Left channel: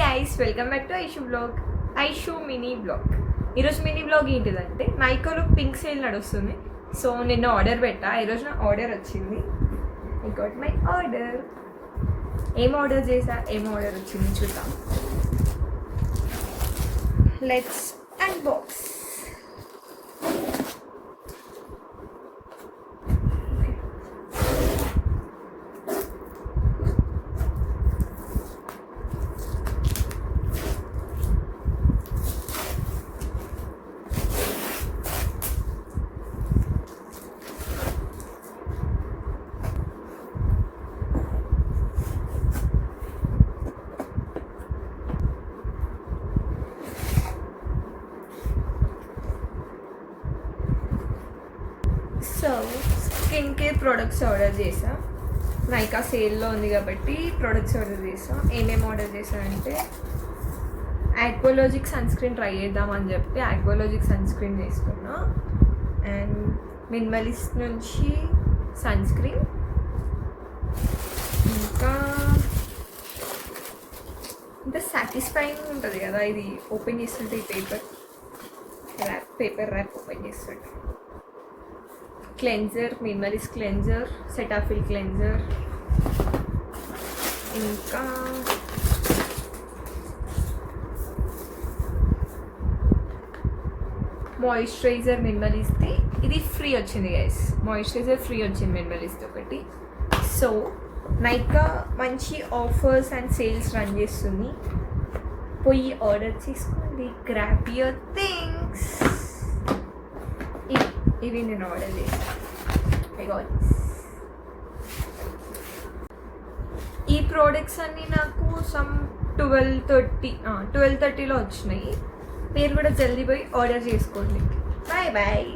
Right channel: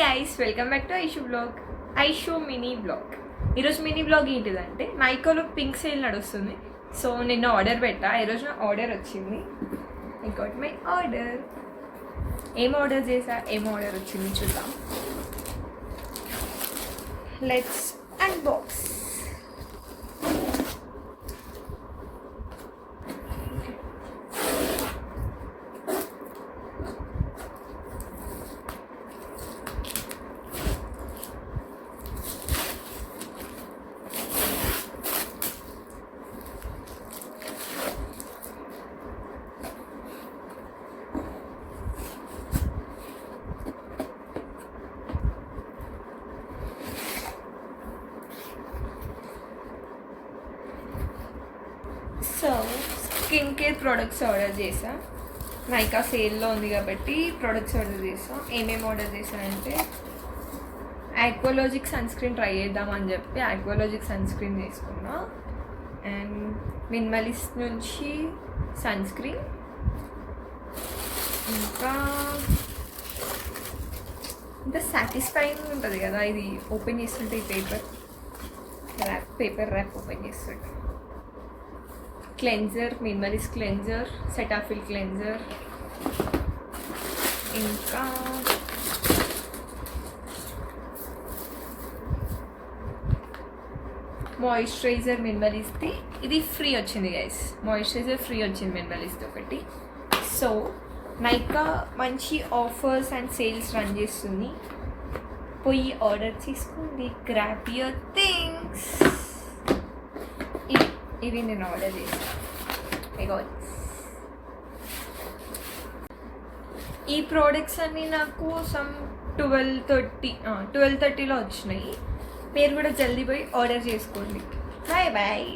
Guys welcome back to Aishu బ్లాగ్. Aishu mini blog. ఈరోజు mini blog ఏంటిదంటే నైకాలో పింక్ సేల్ నడుస్తుంది. సో నిన్న ఆర్డర్ పెట్టా, ఈరోజు నా ఆర్డర్ వచ్చింది. I got my order. ఏం ఆర్డర్ వచ్చింది చూద్దాం. Let's unbox. So skin care products order చేసా. నైకా సేల్లో ఉంది కాబట్టి ప్రోడక్ట్స్ ఆర్డర్ చేసా. ఏమేమి ఆర్డర్ చేసా అంటే ఆక్వాలాజిక్ సన్ స్క్రీన్ ట్రై చేద్దామని చెప్పి ఆక్వాలాజిక్ సన్ స్క్రీన్ తీసుకున్నా. అండ్ మినిమలిస్ట్ నుంచి సన్ స్క్రీన్, ఇంకా ఇంత సాటిస్ఫైయింగ్ ఉంటుంది కదా ఇది ఓపెన్ చేస్తుంటే. ఈ పేపర్ ర్యాప్ ఓపెన్ చేస్తుంటే cleanser, minimalist cleanser, Cetaphil cleanser, ఇంకా మాయిశ్చరైజర్ మినిమలిస్ట్ది. ఇది ఫ్రీ వచ్చింది గైస్, మాయిశ్చరైజర్ ఫ్రీ వచ్చింది మినిమలిస్ట్ ఒకటి. సో నైకా మంచి ఆఫర్స్ అండ్ సేల్స్ రన్ చేస్తుంది, పోయి ఆర్డర్ చేసుకోండి. Grab your things. ఇవి నేను ఆర్డర్ చేశాను. ఈ ప్రోడక్ట్స్ అన్నీ నాకు సమ్ 12:30లో వచ్చినాయి. మీరు కూడా జల్దీ పోయి ఆర్డర్ చేసుకోండి. Bye bye.